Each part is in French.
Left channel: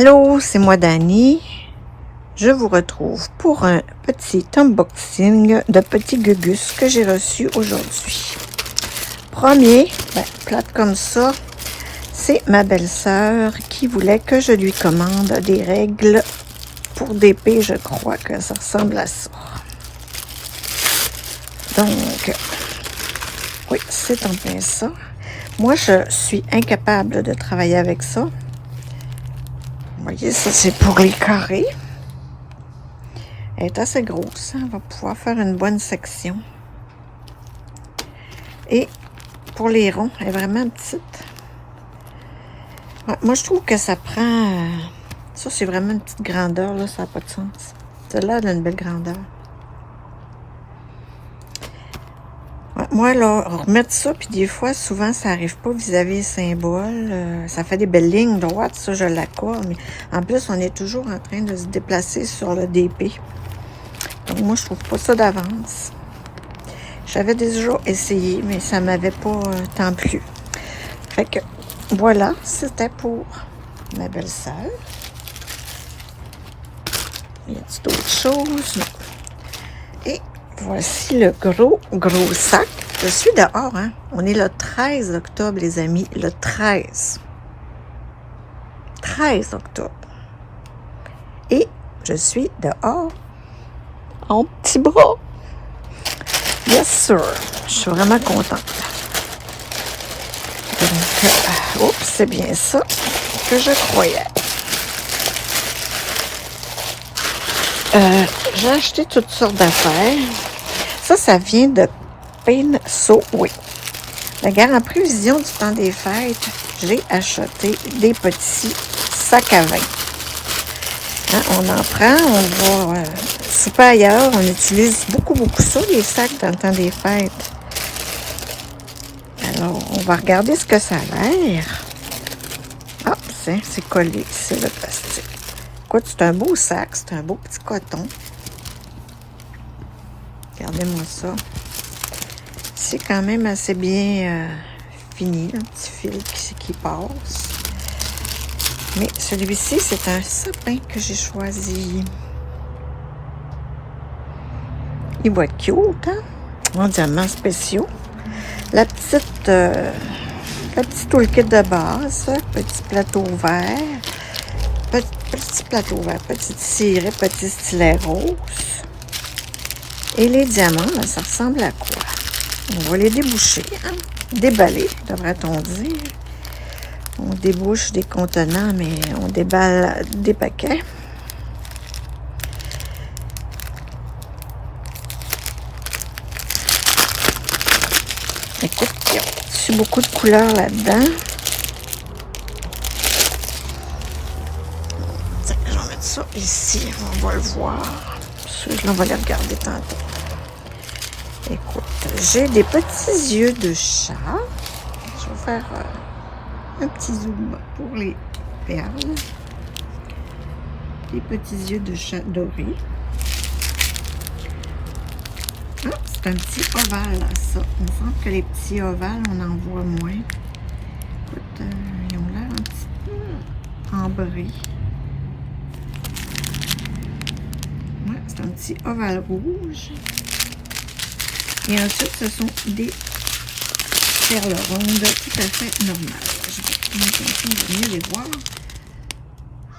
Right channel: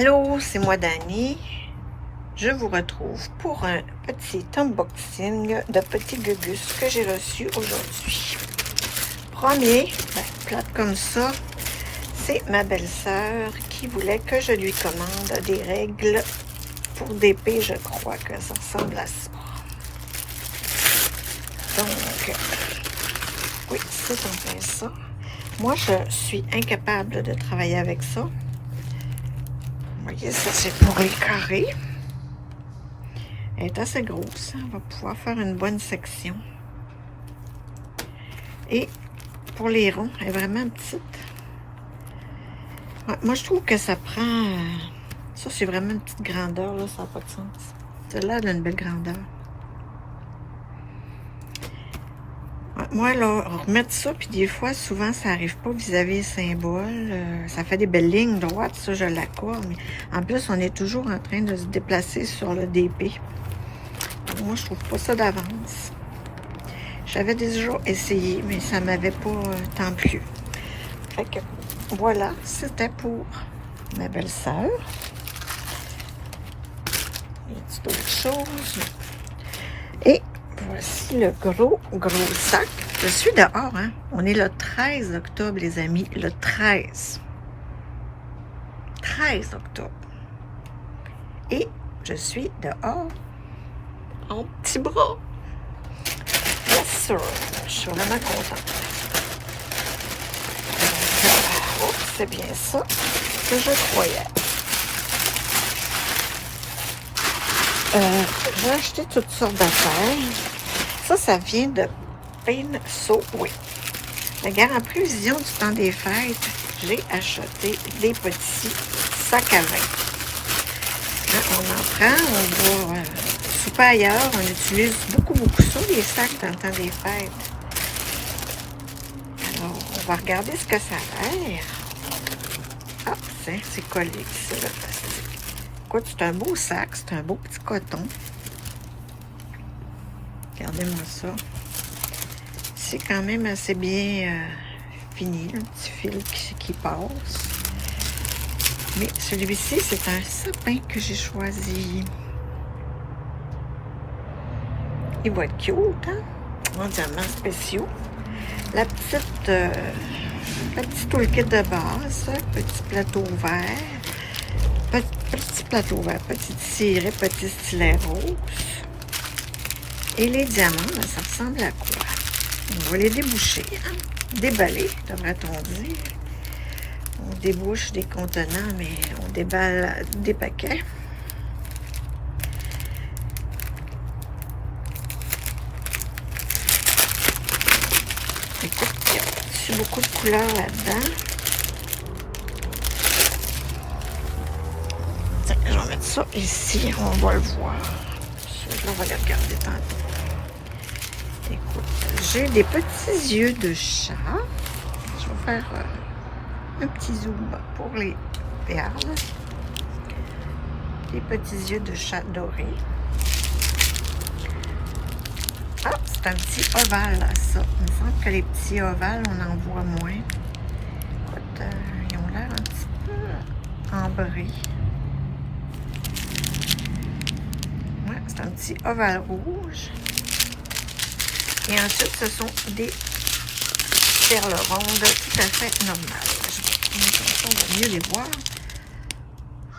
Allô, c'est moi Dani. Je vous retrouve pour un petit unboxing de petits gugus que j'ai reçu aujourd'hui. Premier, plate comme ça, c'est ma belle-sœur qui voulait que je lui commande des règles pour DP. Je crois que ça ressemble à ça. Donc, oui, c'est en plein ça. Moi, je suis incapable de travailler avec ça. Vous voyez, ça c'est pour les carrés. Elle est assez grosse, on va pouvoir faire une bonne section. Et pour les ronds, elle est vraiment petite. Ouais, moi, je trouve que ça prend... ça, c'est vraiment une petite grandeur, là, ça n'a pas de sens. Celle-là, elle a une belle grandeur. Ouais, moi, là, remettre ça, puis des fois, souvent, ça n'arrive pas vis-à-vis les symboles. Ça fait des belles lignes droites, ça, je l'accorde. Mais en plus, on est toujours en train de se déplacer sur le DP. Donc, moi, je trouve pas ça d'avance. J'avais déjà essayé, mais ça m'avait pas tant plu. Fait que, voilà, c'était pour ma belle-sœur. Y a-t-il d'autres choses? Et voici le gros sac. Je suis dehors, hein? On est le 13 octobre, les amis. Le 13. 13 octobre. Et je suis dehors en petit bras. Yes, sir. Je suis vraiment contente. Donc, c'est bien ça que je croyais. J'ai acheté toutes sortes d'affaires. Ça vient de Pinso-Oui. Regarde, en prévision du temps des fêtes, j'ai acheté des petits sacs à vin. Hein, on en prend, on va souper ailleurs. On utilise beaucoup ça, les sacs dans le temps des fêtes. Alors, on va regarder ce que ça a l'air. Ah, c'est collé, c'est le plastique. Écoute, c'est un beau sac, c'est un beau petit coton. Regardez-moi ça. C'est quand même assez bien fini, un petit fil qui passe. Mais celui-ci, c'est un sapin que j'ai choisi. Il va être cute, hein? Mondialement spéciaux. La petite toolkit de base, petit plateau vert, petit ciré, petit stylet rose. Et les diamants, ben, ça ressemble à quoi? On va les déboucher, hein? Déballer, devrait-on dire. On débouche des contenants, mais on déballe des paquets. Écoute, il y a beaucoup de couleurs là-dedans. Je vais mettre ça ici, on va le voir. On va les regarder tantôt. Écoute, j'ai des petits yeux de chat. Je vais faire un petit zoom pour les perles. Des petits yeux de chat dorés. Ah, c'est un petit ovale, ça. Il me semble que les petits ovales, on en voit moins. Écoute, ils ont l'air un petit peu ambrés. Ouais, c'est un petit ovale rouge. Et ensuite, ce sont des perles rondes tout à fait normales. On va mieux les voir.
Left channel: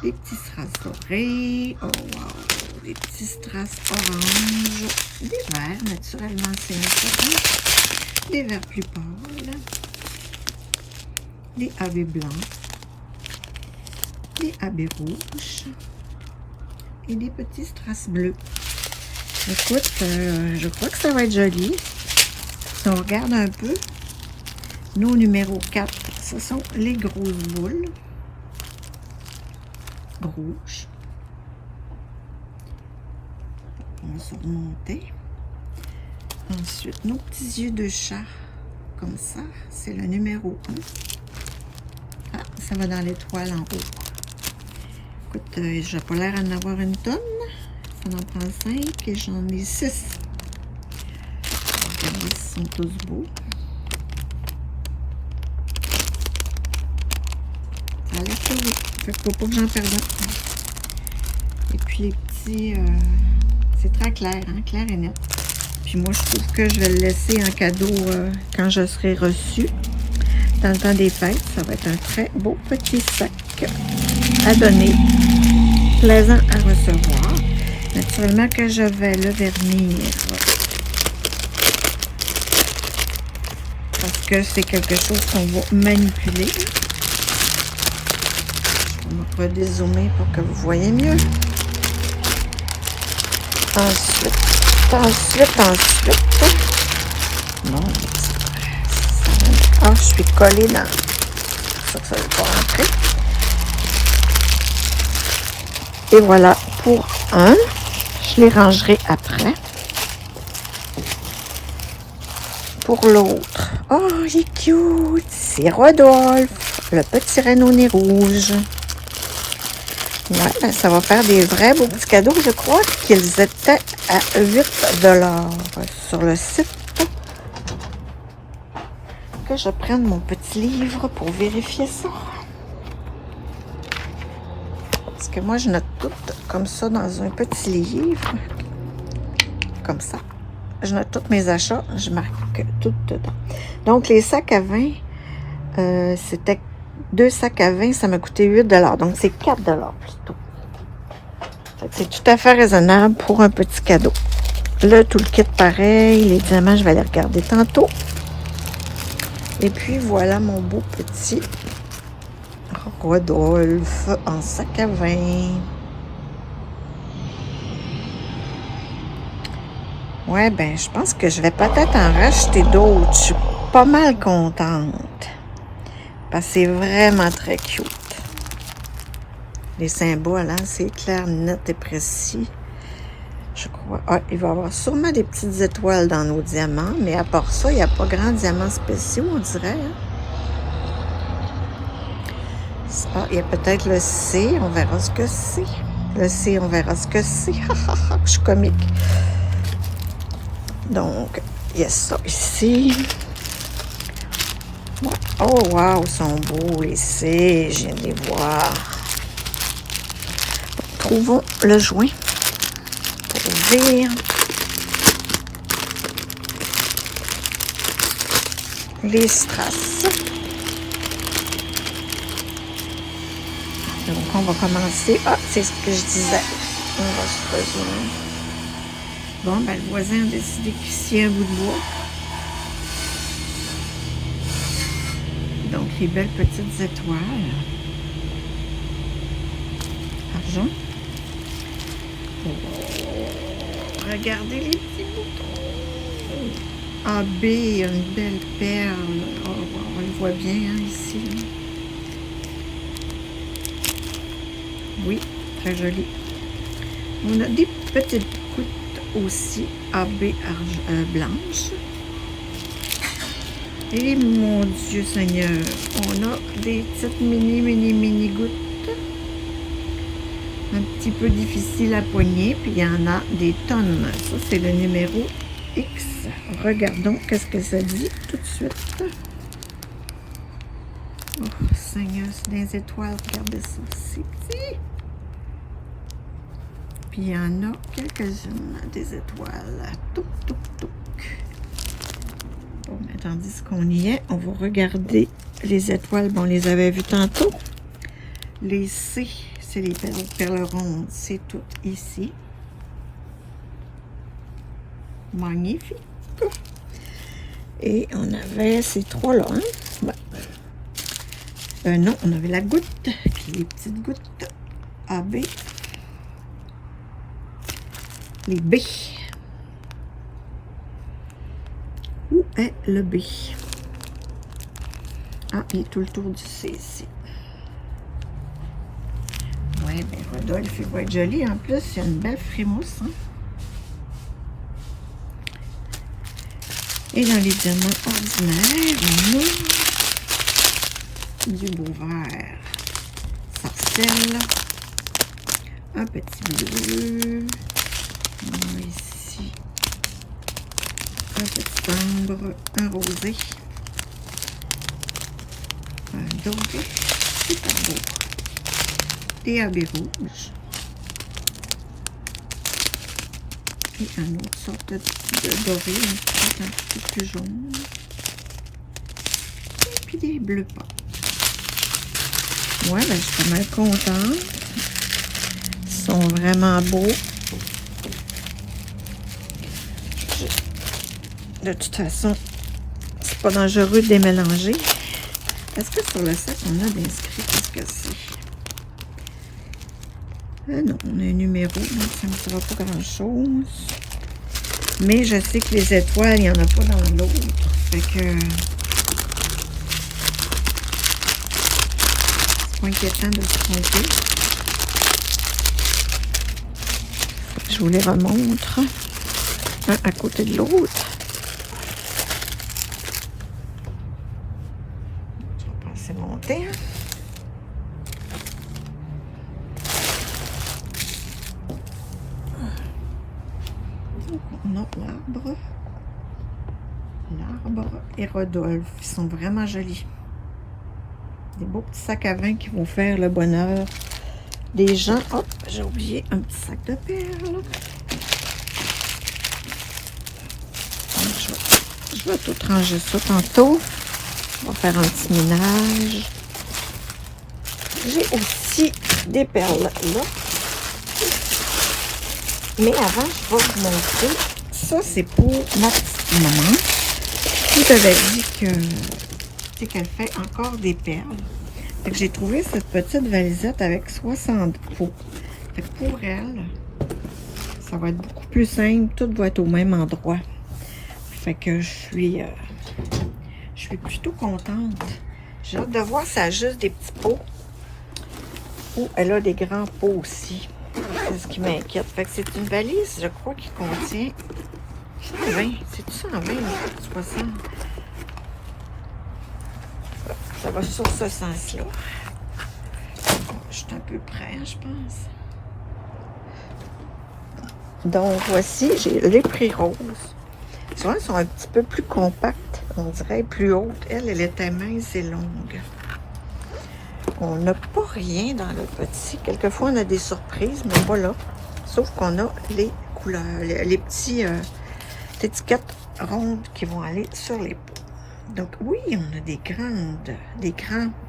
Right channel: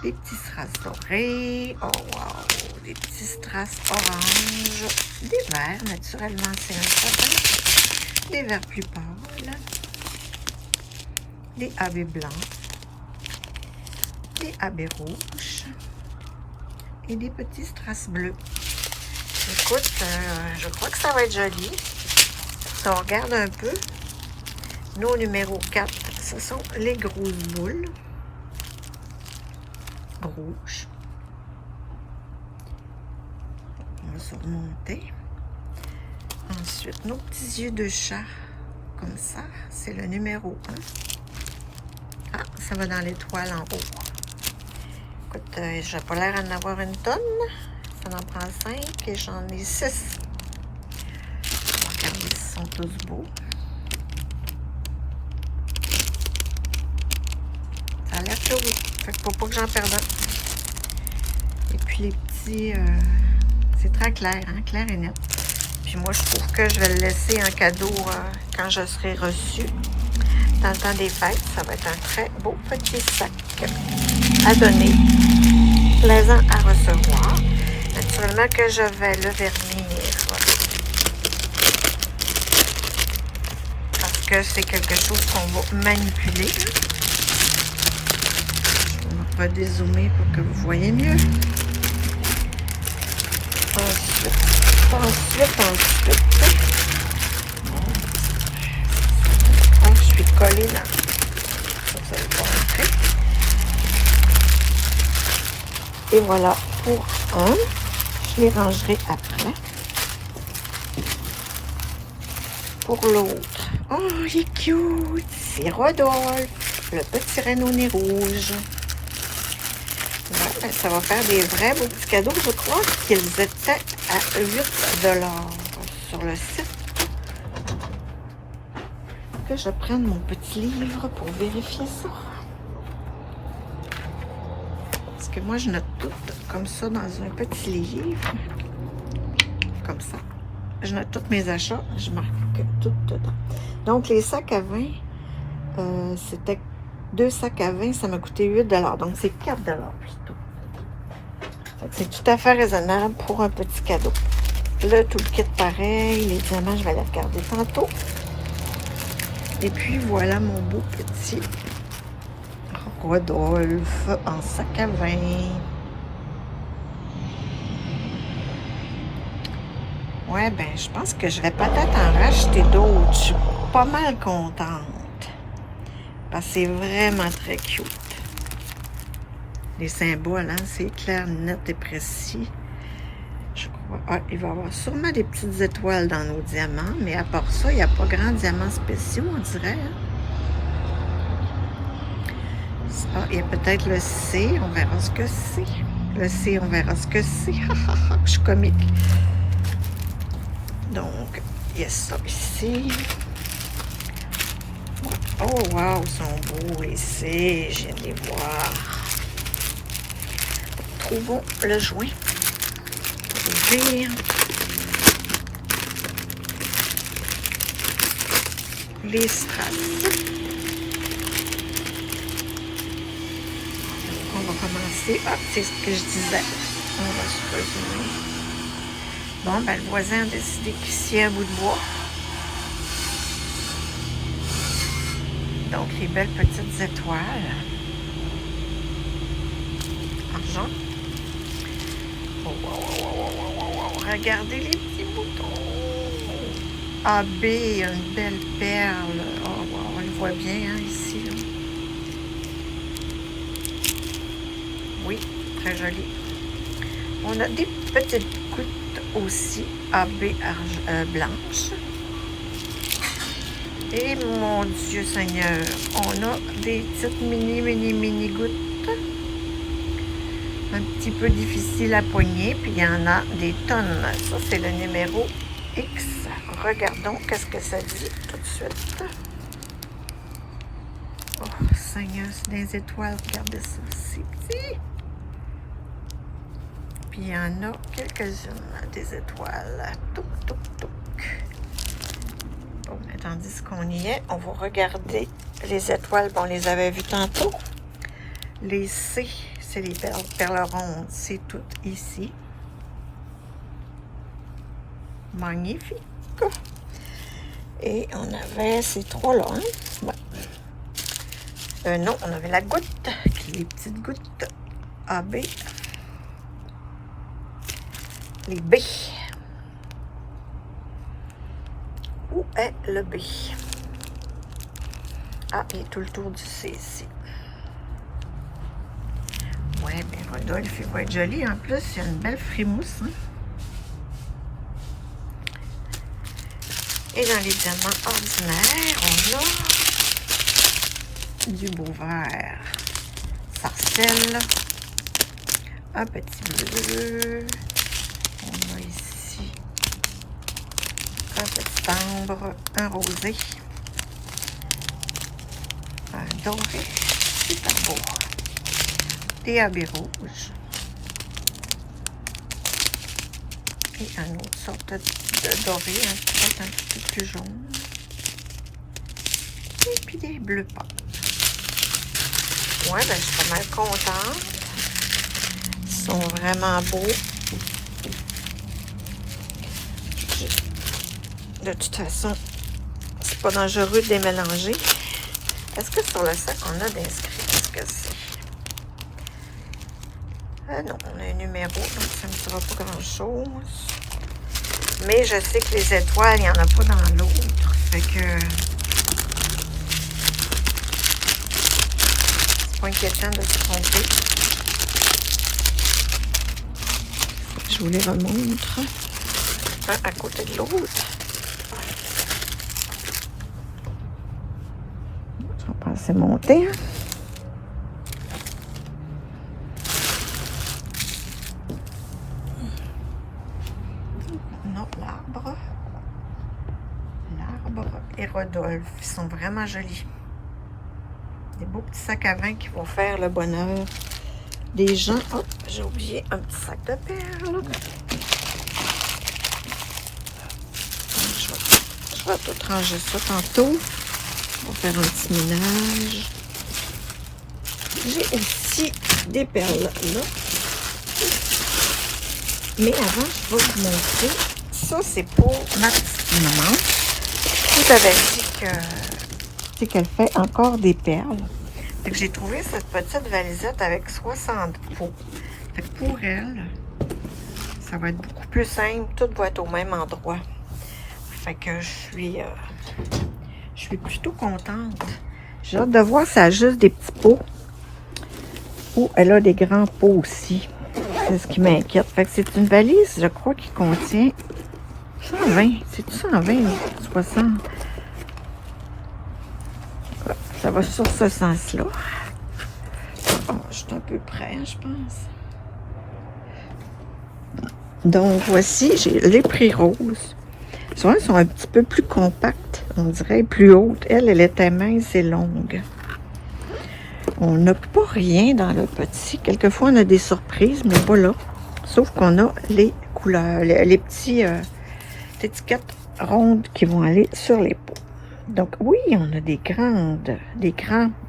Des petits strass dorés. Oh wow! Des petits strass orange. Des verts, naturellement, c'est un sapin. Des verts plus pâles. Des AB blancs. Des AB rouges. Et des petits strass bleus. Écoute, je crois que ça va être joli. Si on regarde un peu, nos numéro 4, ce sont les grosses boules rouges. On va se remonter. Ensuite, nos petits yeux de chat, comme ça, c'est le numéro 1. Ah, ça va dans l'étoile en haut. Écoute, j'ai pas l'air d'en avoir une tonne. Ça en prend 5 et j'en ai 6. Regardez, ils sont tous beaux. Ça a l'air que oui. Fait qu'il faut pas que j'en perde un. Et puis les petits... c'est très clair, hein? Clair et net. Puis moi, je trouve que je vais le laisser en cadeau quand je serai reçue. Dans le temps des fêtes, ça va être un très beau petit sac à donner. Plaisant à recevoir. Naturellement que je vais le vernir. Parce que c'est quelque chose qu'on va manipuler. Je vais dézoomer pour que vous voyez mieux. Ensuite. Bon. Ah, je suis collée dans... Ça ne veut pas rentrer. Et voilà pour un. Je les rangerai après. Pour l'autre. Oh, il est cute. C'est Rodolphe, le petit renne au nez rouge. Ouais, ben ça va faire des vrais beaux petits cadeaux. Je crois qu'ils étaient à 8 $ sur le site. Que je prenne mon petit livre pour vérifier ça. Parce que moi, je note tout comme ça dans un petit livre. Comme ça. Je note tous mes achats. Je marque tout dedans. Donc, les sacs à vin, c'était 2 sacs à vin, ça m'a coûté 8 $. Donc, c'est 4 $ plutôt. C'est tout à fait raisonnable pour un petit cadeau. Là, tout le kit pareil. Les diamants, je vais les regarder tantôt. Et puis, voilà mon beau petit Rodolphe en sac à vin. Ouais, ben, je pense que je vais peut-être en racheter d'autres. Je suis pas mal contente. Parce que c'est vraiment très cute. Les symboles, hein, c'est clair, net et précis. Je crois. Ah, il va y avoir sûrement des petites étoiles dans nos diamants, mais à part ça, il n'y a pas grand diamants spéciaux, on dirait. Hein? Ah, il y a peut-être le C, on verra ce que c'est. Le C, on verra ce que c'est. Je suis comique. Donc, il y a ça ici. Oh, wow, ils sont beaux, les C, je viens de les voir. Trouvons le joint pour ouvrir. Les strass. Donc, on va commencer. Ah, c'est ce que je disais. On va se résumer. Bon, ben, le voisin a décidé qu'il scie un bout de bois. Donc, les belles petites étoiles. Argent. Regardez les petits boutons. AB, une belle perle. Oh, wow, on le voit bien hein, ici. Là. Oui, très joli. On a des petites gouttes aussi AB blanches. Et mon Dieu Seigneur, on a des petites mini gouttes. Un petit peu difficile à poigner, puis il y en a des tonnes. Ça, c'est le numéro X. Regardons qu'est-ce que ça dit tout de suite. Oh, Seigneur, c'est des étoiles. Regardez ça, c'est petit. Puis il y en a quelques-unes, des étoiles. Touc, touc, touc. Bon, mais tandis qu'on y est, on va regarder les étoiles. Bon, on les avait vues tantôt. Les C, c'est les perles rondes. C'est tout ici. Magnifique. Et on avait ces trois-là. Hein? Ouais. Non, on avait la goutte, les petites gouttes AB. Les B. Où est le B? Ah, il est tout le tour du C ici. Ouais, bien Rodolphe, il va être joli. En plus, il y a une belle frimousse. Hein? Et dans les diamants ordinaires, on a du beau vert. Sarcelle. Un petit bleu. On a ici un petit ambre, un rosé, un doré. Super beau. des habits rouges. Et une autre sorte de doré, un petit peu plus jaune. Et puis des bleus pâles. Ouais, ben, je suis mal contente. Ils sont vraiment beaux. De toute façon, c'est pas dangereux de les mélanger. Est-ce que sur le sac, on a d'inscrit? Qu'est-ce que c'est? Ah non, on a un numéro, mais ça ne dira pas grand-chose. Mais je sais que les étoiles, il n'y en a pas dans l'autre. Fait que... c'est pas inquiétant de se tromper. Je vous les remontre. Ah, à côté de l'autre. Je vais passer monter. On a l'arbre. L'arbre et Rodolphe. Ils sont vraiment jolis. Des beaux petits sacs à vin qui vont faire le bonheur des gens. Oh, j'ai oublié un petit sac de perles. Je vais tout ranger ça tantôt. On va faire un petit ménage. J'ai aussi des perles là. Mais avant, je vais vous montrer. Ça, c'est pour ma petite maman. Je vous avais dit que qu'elle fait encore des perles. Fait que j'ai trouvé cette petite valisette avec 60 pots. Fait que pour elle, ça va être beaucoup plus simple. Tout va être au même endroit. Fait que je suis plutôt contente. J'ai hâte de voir si elle a juste des petits pots ou elle a des grands pots aussi. C'est ce qui m'inquiète. Fait que c'est une valise, je crois, qui contient 120. C'est-tu 120 ou 60? Ça va sur ce sens-là. Bon, je suis un peu près, je pense. Donc, voici, j'ai les prix roses. Souvent, elles sont un petit peu plus compactes. On dirait plus hautes. Elle était mince et longue. On n'a pas rien dans le petit. Quelquefois, on a des surprises, mais voilà. Sauf qu'on a les couleurs, les petits étiquettes rondes qui vont aller sur les pots. Donc, oui, on a des grandes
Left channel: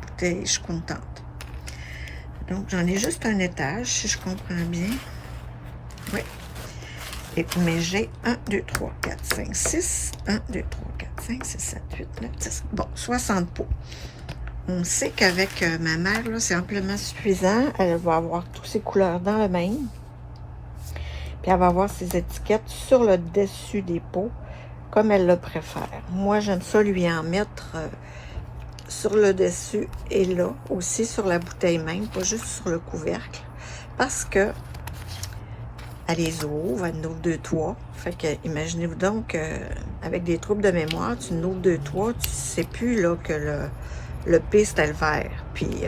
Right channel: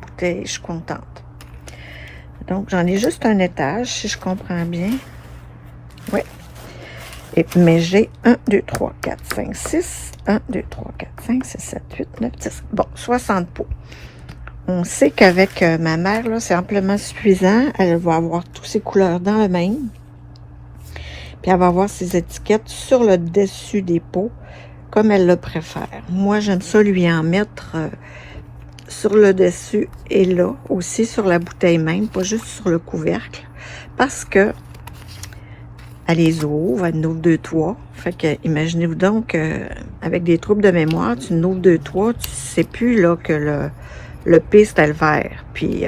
bouteilles. Je suis contente. Donc, j'en ai juste un étage, si je comprends bien. Oui. Mais j'ai 1, 2, 3, 4, 5, 6. 1, 2, 3, 4, 5, 6, 7, 8, 9, 10. Bon, 60 pots. On sait qu'avec ma mère, là, c'est amplement suffisant. Elle va avoir toutes ces couleurs dans le même. Puis elle va avoir ses étiquettes sur le dessus des pots, comme elle le préfère. Moi, j'aime ça lui en mettre sur le dessus et là, aussi sur la bouteille même, pas juste sur le couvercle. Parce que elle les ouvre, elle note 2, 3. Fait que, imaginez-vous donc, avec des troubles de mémoire, tu notes 2, 3, tu sais plus là que le P, c'était le vert. Puis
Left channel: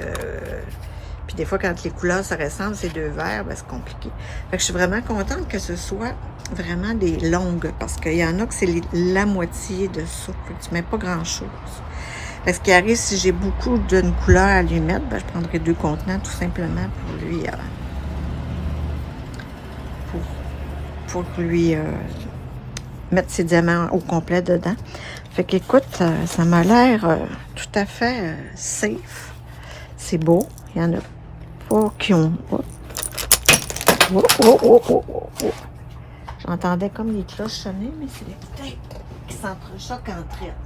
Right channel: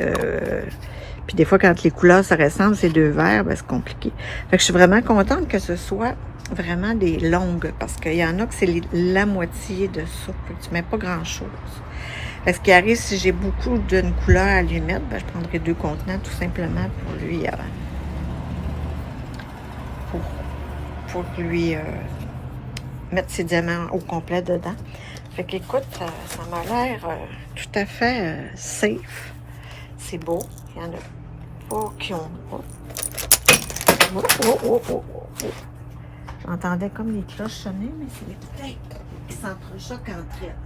des fois, quand les couleurs se ressemblent, c'est 2 verts, ben, c'est compliqué. Fait que je suis vraiment contente que ce soit vraiment des longues, parce qu'il y en a que c'est la moitié de ça. Fait que tu mets pas grand-chose. Ce qui arrive, si j'ai beaucoup d'une couleur à lui mettre, ben, je prendrai 2 contenants, tout simplement, pour lui mettre ses diamants au complet dedans. Fait qu'écoute, ça m'a l'air tout à fait safe. C'est beau. Il y en a pas qui ont pas. Oh, oh, oh, oh, oh, oh. J'entendais comme les cloches sonner, mais c'est les bouteilles qui s'entrechoquent entre elles.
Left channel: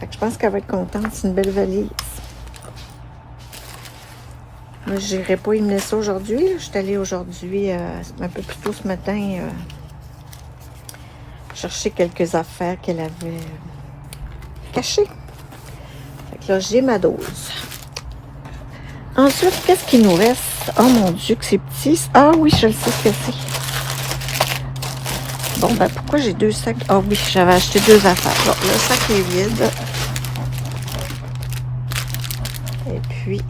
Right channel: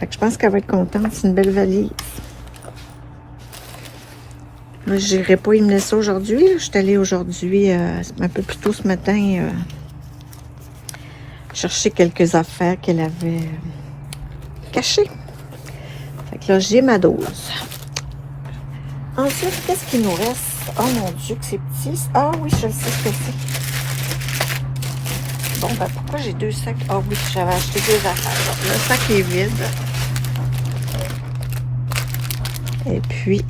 Fait que je pense qu'elle va être contente. C'est une belle valise. Moi, je n'irai pas y mener ça aujourd'hui. Je suis allée aujourd'hui, un peu plus tôt ce matin, chercher quelques affaires qu'elle avait cachées. Fait que là, j'ai ma dose. Ensuite, qu'est-ce qu'il nous reste? Oh mon Dieu, que c'est petit. Ah oui, je le sais ce que c'est. Bon, ben pourquoi j'ai 2 sacs? Ah oui, j'avais acheté 2 affaires. Bon, le sac est vide. Et puis...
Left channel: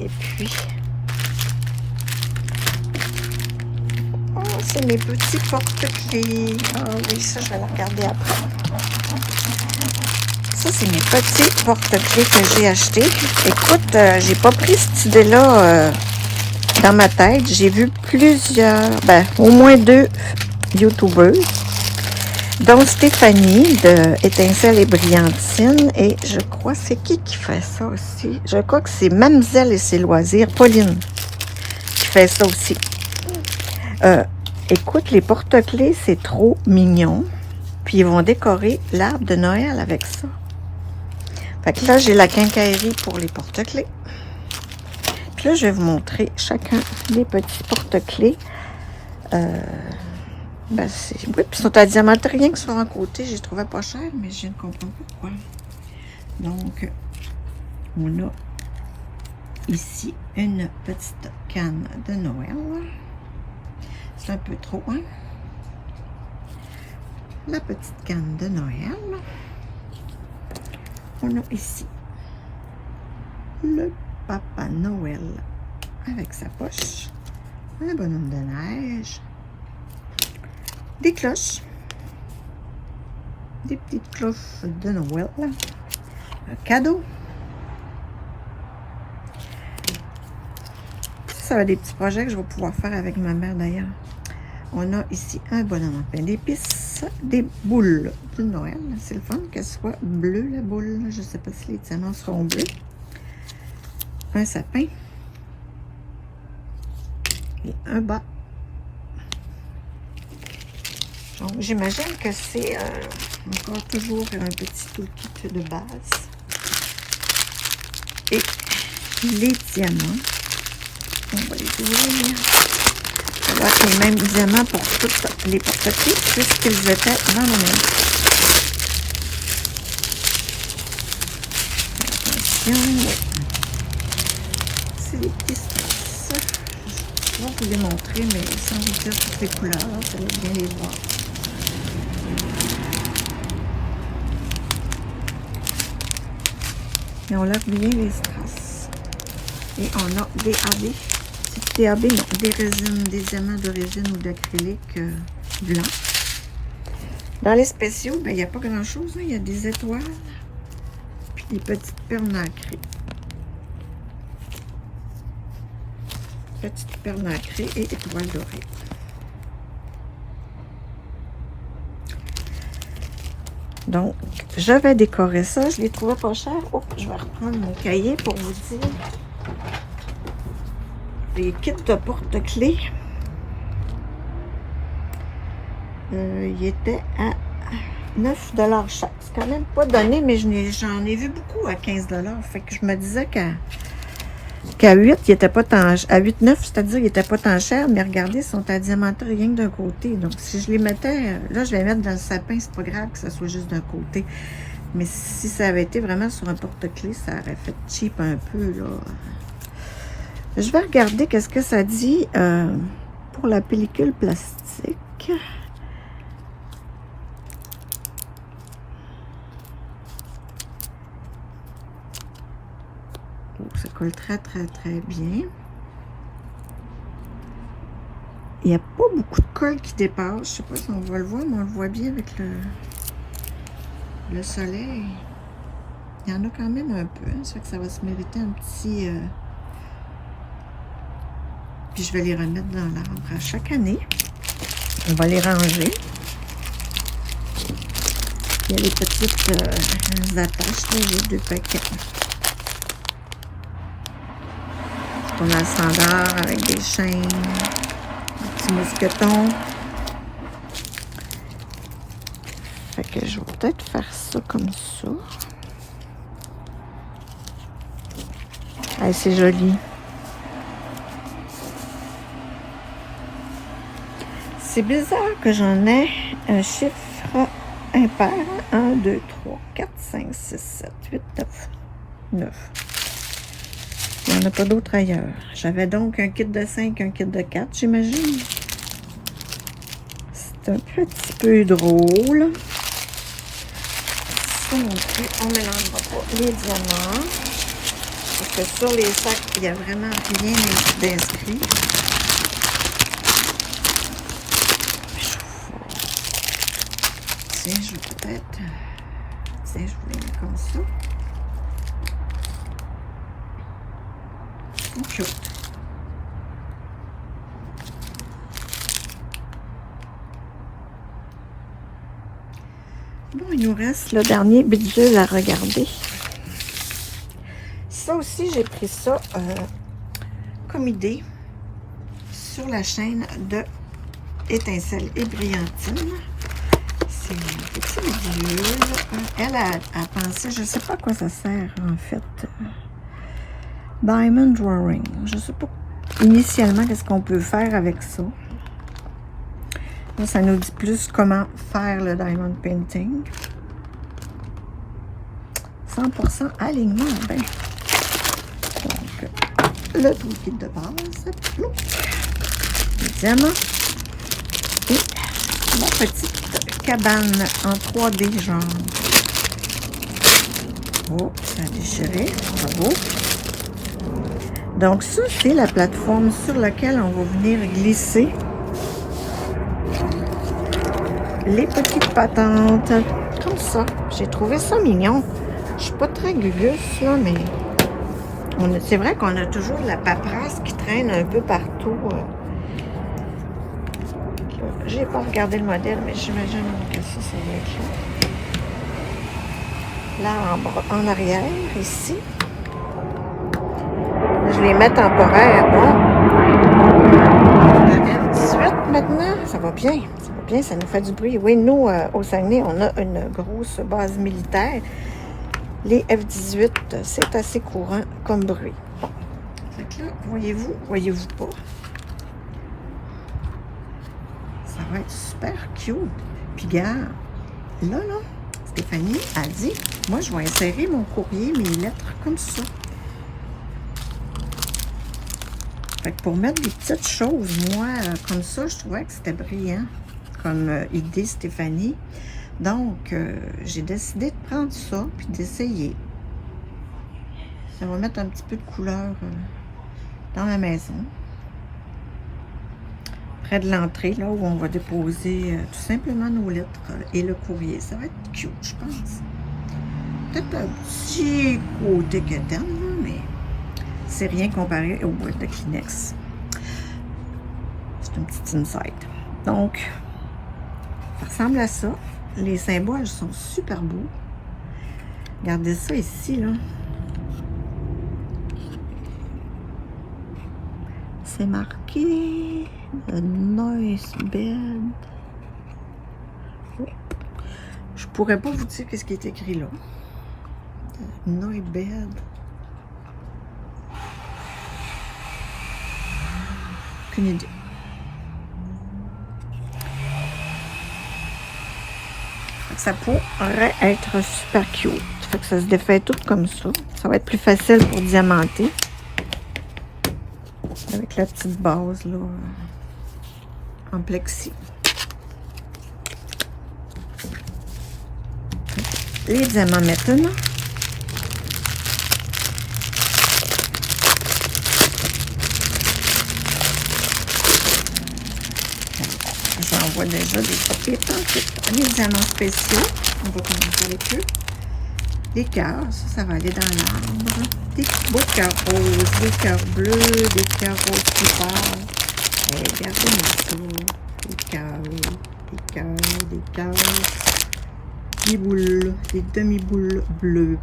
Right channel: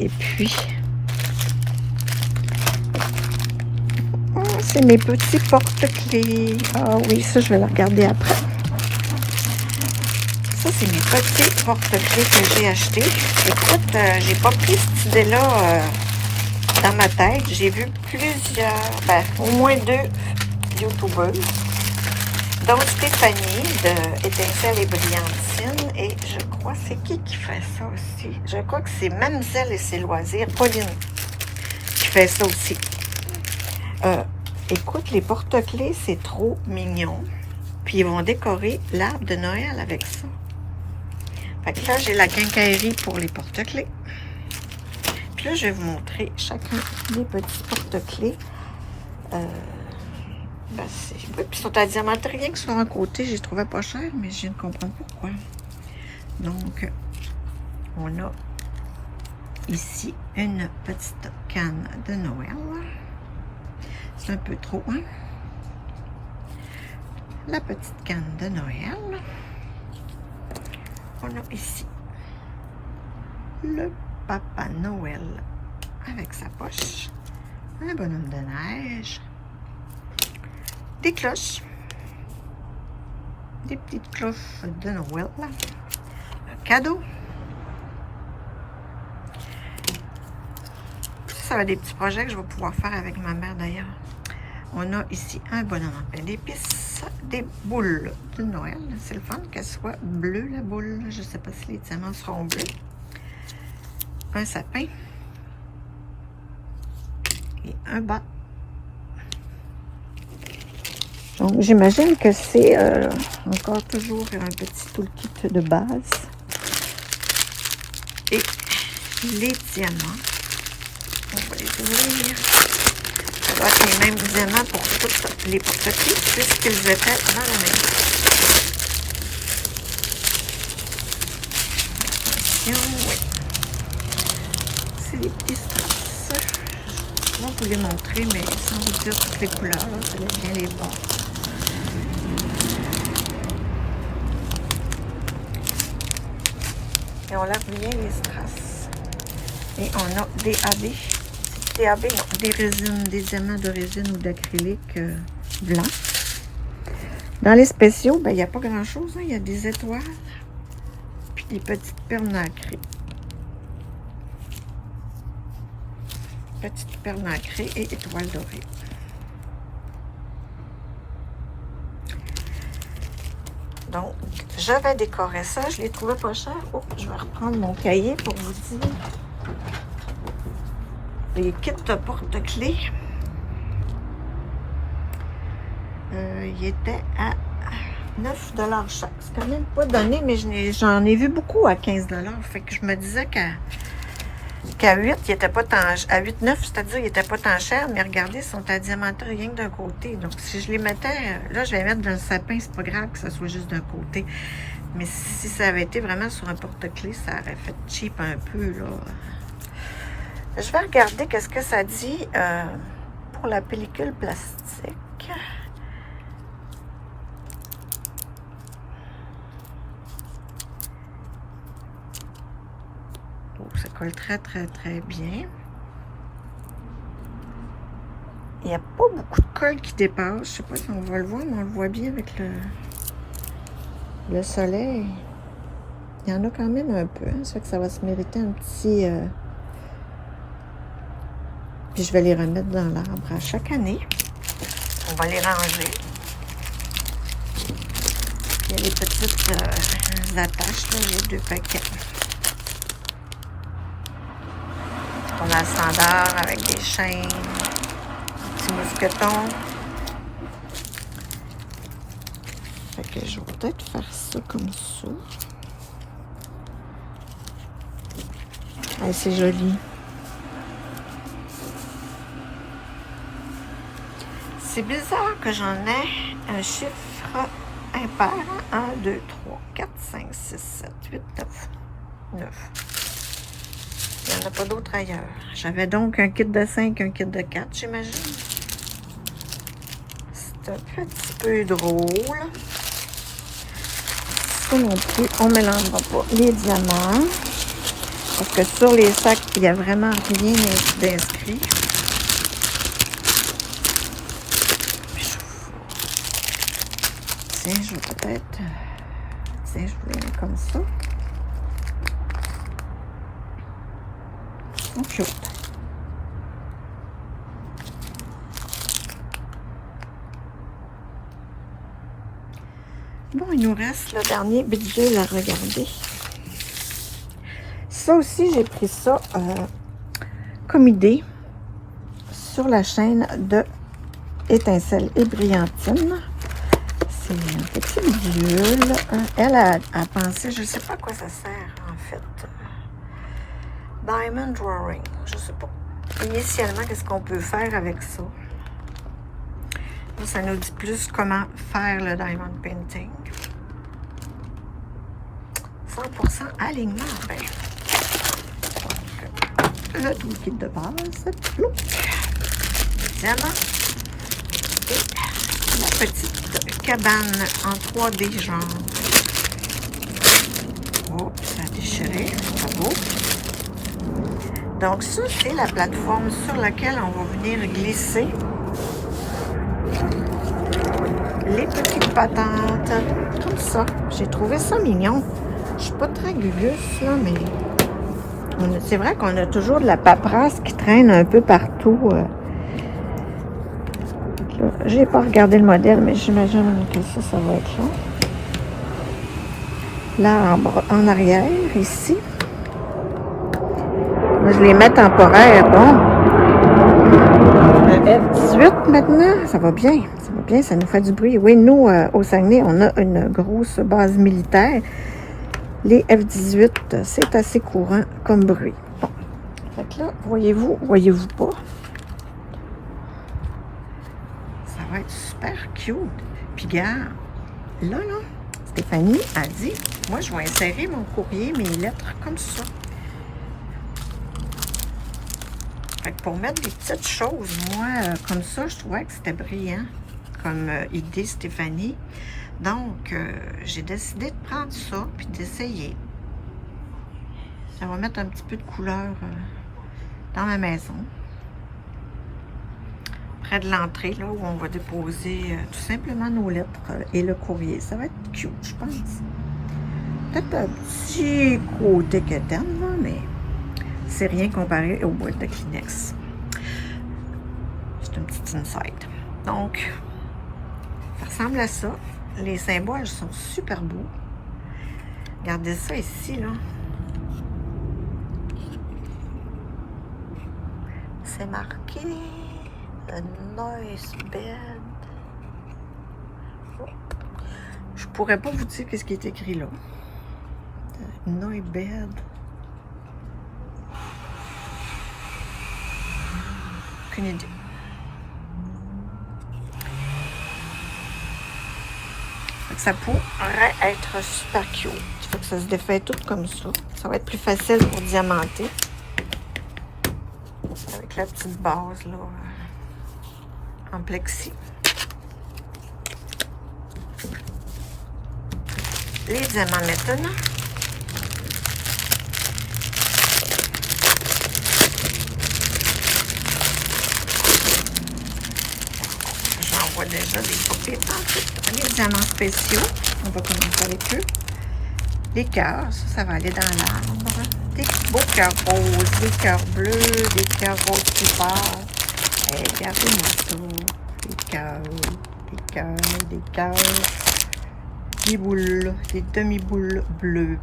c'est mes petits porte-clés. Ah oui, ça, je vais le regarder après. Ça, c'est mes petits porte-clés que j'ai achetés. Écoute, j'ai pas pris cette idée-là dans ma tête. J'ai vu plusieurs, ben, au moins 2 YouTubers, dont Stéphanie de Étincelle et Brillantine. Et je crois, c'est qui fait ça aussi? Je crois que c'est Mademoiselle et ses loisirs, Pauline, qui fait ça aussi. Écoute, les porte-clés, c'est trop mignon. Puis ils vont décorer l'arbre de Noël avec ça. Fait que là, j'ai la quincaillerie pour les porte-clés. Puis là, je vais vous montrer chacun des petits porte-clés. Ben oui, puis ils sont à diamante, rien que sur un côté, j'ai trouvé pas cher, mais je ne comprends pas pourquoi. Donc, on a ici une petite canne de Noël. C'est un peu trop, hein? La petite canne de Noël. On a ici le Papa Noël avec sa poche, un bonhomme de neige, des cloches, des petites cloches de Noël, un cadeau. Ça va être des petits projets que je vais pouvoir faire avec ma mère d'ailleurs. On a ici un bonhomme en pain d'épices, des boules de Noël. C'est le fun qu'elle soit bleue, la boule. Je ne sais pas si les diamants seront bleus. Un sapin. Et un bas. Donc, j'imagine que c'est encore toujours un petit toolkit de base. Et les diamants. On va les ouvrir. Ça doit être les mêmes diamants pour toutes les porte-clés, puisqu'ils étaient dans la même. Attention. C'est des petits strass. Je vais vous les montrer, mais sans vous dire toutes les couleurs. Là, vous allez bien les voir. Et on lave bien les strass. Et on a des AB. Des AB, non, des résines, des diamants de résine ou d'acrylique blanc. Dans les spéciaux, ben, il n'y a pas grand-chose. Hein. Il y a des étoiles. Puis des petites perles nacrées. Petites perles nacrées et étoiles dorées. Donc, je vais décorer ça. Je l'ai trouvé pas cher. Oh, je vais reprendre mon cahier pour vous dire. Les kits de porte-clés. Il était à 9 $ chaque. C'est quand même pas donné, mais j'en ai vu beaucoup à 15 $. Fait que je me disais qu'à 8, il était pas tant à 8, 9, c'est-à-dire il était pas tant cher, mais regardez, ils sont à diamanter rien que d'un côté. Donc si je les mettais, là je vais les mettre dans le sapin, c'est pas grave que ça soit juste d'un côté. Mais si ça avait été vraiment sur un porte-clés, ça aurait fait cheap un peu, là. Je vais regarder qu'est-ce que ça dit pour la pellicule plastique. Oh, ça colle très, très, très bien. Il n'y a pas beaucoup de colle qui dépasse. Je ne sais pas si on va le voir, mais on le voit bien avec le soleil. Il y en a quand même un peu. Hein, ça fait que ça va se mériter un petit... Puis je vais les remettre dans l'arbre à chaque année. On va les ranger. Il y a les petites attaches, là, les 2 paquets. Pour l'encendeur avec des chaînes, des petits mousquetons. Fait que je vais peut-être faire ça comme ça. Ah, c'est joli. C'est bizarre que j'en ai un chiffre impair. 1, 2, 3, 4, 5, 6, 7, 8, 9. Il n'y en a pas d'autres ailleurs. J'avais donc un kit de 5, un kit de 4, j'imagine. C'est un petit peu drôle. Ça non plus, on ne mélange pas les diamants. Parce que sur les sacs, il n'y a vraiment rien d'inscrit. Tiens, je vais peut-être Tiens, je vous les mets comme ça. Ils sont cute. Bon, il nous reste le dernier bidule à regarder. Ça aussi, j'ai pris ça comme idée sur la chaîne de Étincelle et Brillantine. C'est un petit bidule. Elle a pensé, je ne sais pas à quoi ça sert en fait. Diamond Drawing. Je ne sais pas initialement qu'est-ce qu'on peut faire avec ça. Là, ça nous dit plus comment faire le Diamond Painting. 100% alignement. Ben. Donc, le liquide de base. Le diamant. Et la petite cabane en 3D genre. Oh, ça a déchiré. Bravo. Donc ça, c'est la plateforme sur laquelle on va venir glisser les petites patentes. Comme ça. J'ai trouvé ça mignon. Je suis pas très gugus, là, mais c'est vrai qu'on a toujours de la paperasse qui traîne un peu partout. J'ai pas regardé le modèle, mais j'imagine que ça va être là. L'arbre en arrière, ici. Je les mets temporaires. Le F18 maintenant, ça va bien. Ça va bien, ça nous fait du bruit. Oui, nous, au Saguenay, on a une grosse base militaire. Les F18, c'est assez courant comme bruit. Fait que là, voyez-vous pas? Ça va être super cute. Puis regarde, là, Stéphanie a dit, moi, je vais insérer mon courrier, mes lettres comme ça. Fait que pour mettre des petites choses, moi, comme ça, je trouvais que c'était brillant comme idée, Stéphanie. Donc, j'ai décidé de prendre ça puis d'essayer. Ça va mettre un petit peu de couleur dans ma maison. Près de l'entrée, là où on va déposer tout simplement nos lettres et le courrier. Ça va être cute, je pense. Peut-être un petit côté quétaine, là, mais c'est rien comparé aux boîtes de Kleenex. C'est un petit insight. Donc, ça ressemble à ça. Les symboles sont super beaux. Regardez ça ici, là. C'est marqué le noise bed. Je pourrais pas vous dire qu'est-ce qui est écrit là. Noise bed. Aucune idée. Ça pourrait être super cute. Fait que ça se défait tout comme ça. Ça va être plus facile pour diamanter. Avec la petite base là en plexi. Les diamants maintenant. J'envoie déjà des papiers tantôt. Les diamants spéciaux. On va commencer avec eux. Les cœurs, ça va aller dans l'arbre. Des beaux cœurs roses, des cœurs bleus, des cœurs roses qui partent. Et regardez-moi ça. Des cœurs, des cœurs, des cœurs. Des boules, des demi-boules bleues.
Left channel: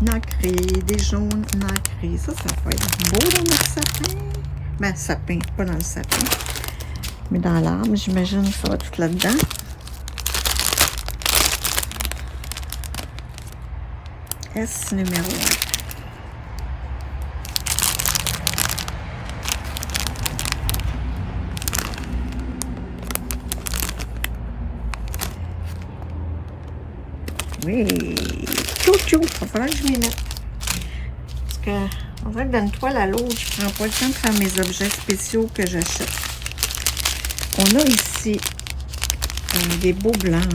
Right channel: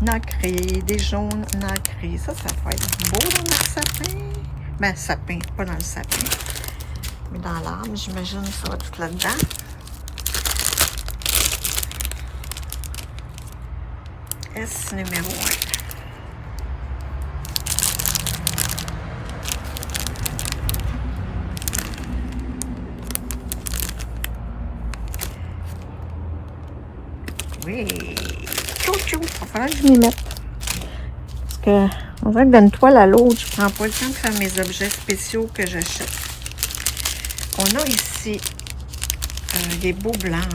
Nacrées, des jaunes nacrés. Ça va être beau dans le sapin. Ben, sapin, pas dans le sapin. Mais dans l'arbre, j'imagine que ça va tout là-dedans. S numéro 1. Oui, chou-chou, il va falloir que je m'y mette. Parce que, on dirait que d'une toile à l'autre, je prends pas le temps de faire mes objets spéciaux que j'achète. On a ici des beaux blancs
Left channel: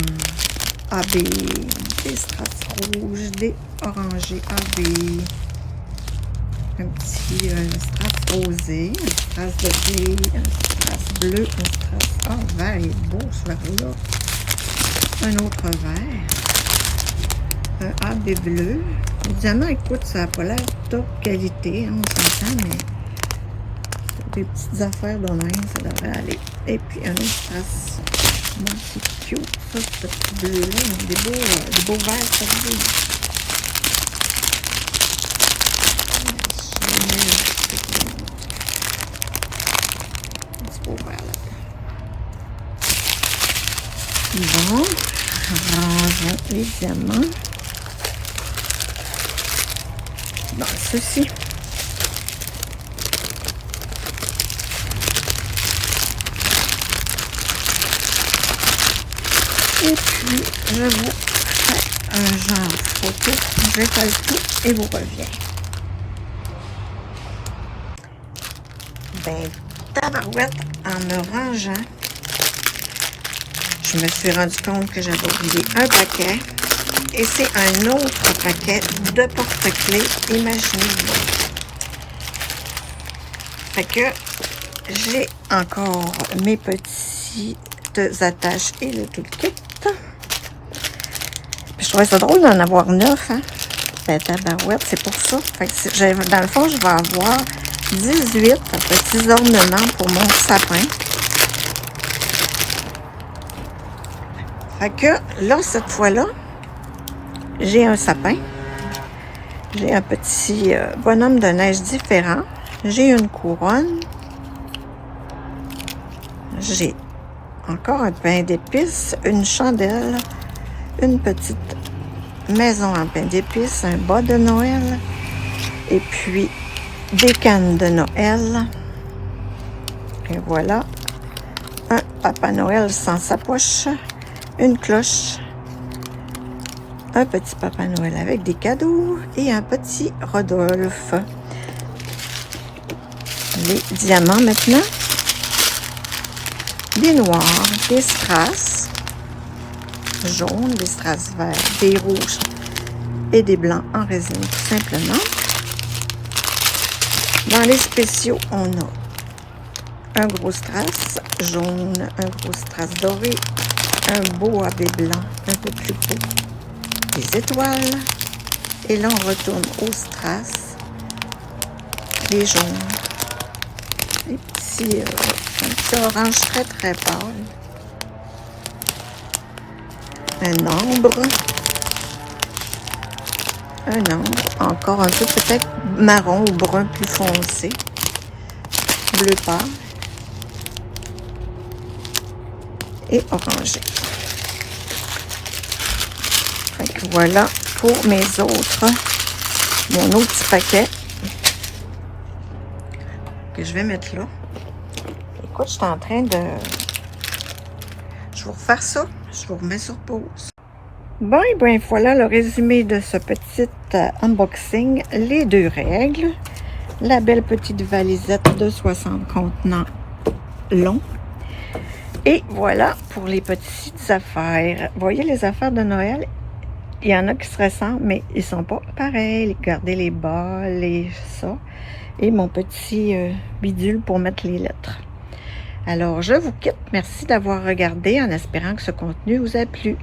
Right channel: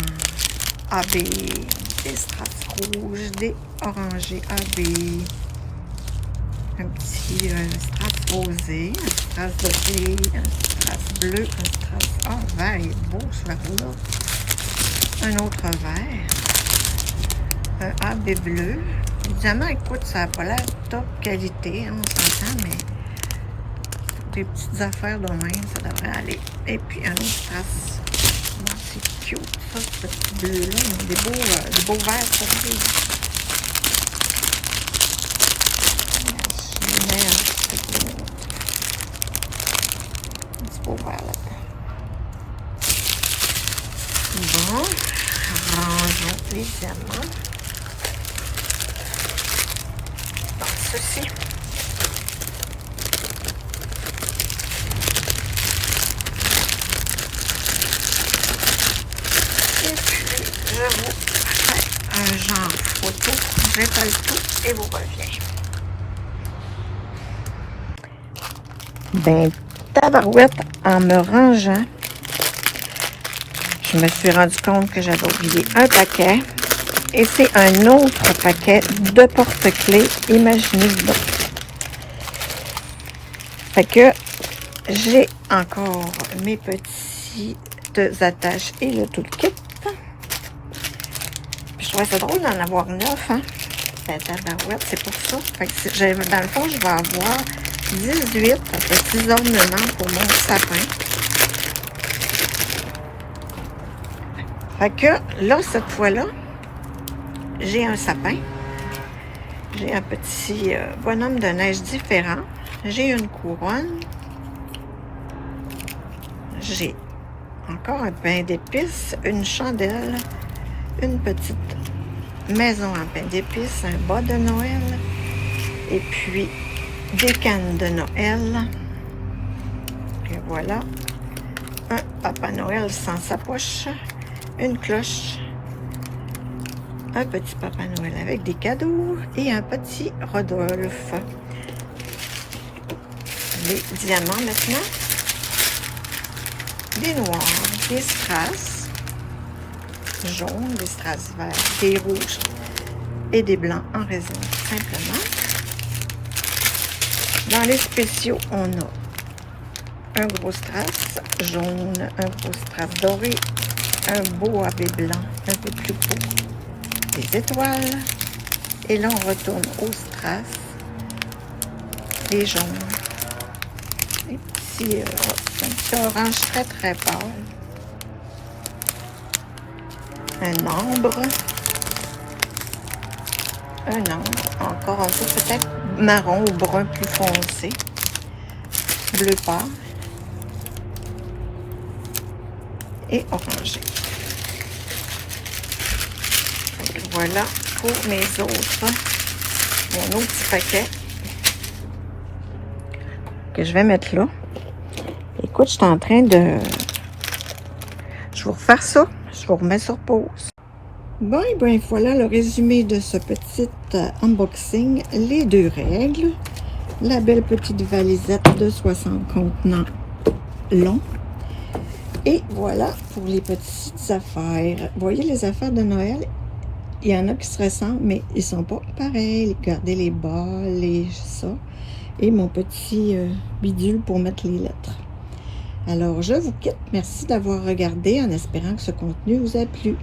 AB, des strass rouges, des orangés AB, un petit strass rosé, un strass doré, un strass bleu, un strass... Ah, vert, il est beau ce vert-là. Un autre vert. bois bleu. Évidemment, écoute, ça n'a pas l'air top qualité, hein, on s'entend, mais pour des petites affaires de même, ça devrait aller. Et puis, un autre strass. C'est cute, ça, ce petit bleu-là. Ils ont des beaux verres, ça veut dire. Je mets un petit beau vert là-dedans. Bon, rangeons les diamants. Bon, ceci. Et puis, je vais faire un genre photo. J'étale tout et vous reviens. Ben, tabarouette, en me rangeant, je me suis rendu compte que j'avais oublié un paquet. Et c'est un autre paquet de porte-clés. Imaginez-vous. Fait que j'ai encore mes petites attaches et le toolkit. Je trouvais ça drôle d'en avoir 9, hein? Ben, tabarouette, c'est pour ça. Fait que dans le fond, je vais avoir 18 petits ornements pour mon sapin. Fait que là, cette fois-là, j'ai un sapin. J'ai un petit bonhomme de neige différent. J'ai une couronne. J'ai encore un pain d'épices, une chandelle, une petite maison en pain d'épices, un bas de Noël, et puis des cannes de Noël. Et voilà, un Papa Noël sans sa poche, une cloche, un petit Papa Noël avec des cadeaux et un petit Rodolphe. Les diamants maintenant. Des noirs, des strass jaunes, des strass verts, des rouges et des blancs en résine tout simplement. Dans les spéciaux, on a un gros strass jaune, un gros strass doré, un beau AB blanc un peu plus beau, des étoiles, et là on retourne au strass, les jaunes, les petits, un petit orange très très pâle, un ambre, encore un peu peut-être marron ou brun plus foncé, bleu pâle et orangé. Voilà pour mes autres, mon autre petit paquet que je vais mettre là. Écoute, je suis en train de... Je vais vous refaire ça. Je vous remets sur pause. Bon, et bien voilà le résumé de ce petit unboxing. Les 2 règles. La belle petite valisette de 60 contenants longs. Et voilà pour les petites affaires. Vous voyez les affaires de Noël? Il y en a qui se ressemblent, mais ils sont pas pareils. Regardez les bas, ça. Et mon petit bidule pour mettre les lettres. Alors, je vous quitte. Merci d'avoir regardé en espérant que ce contenu vous a plu.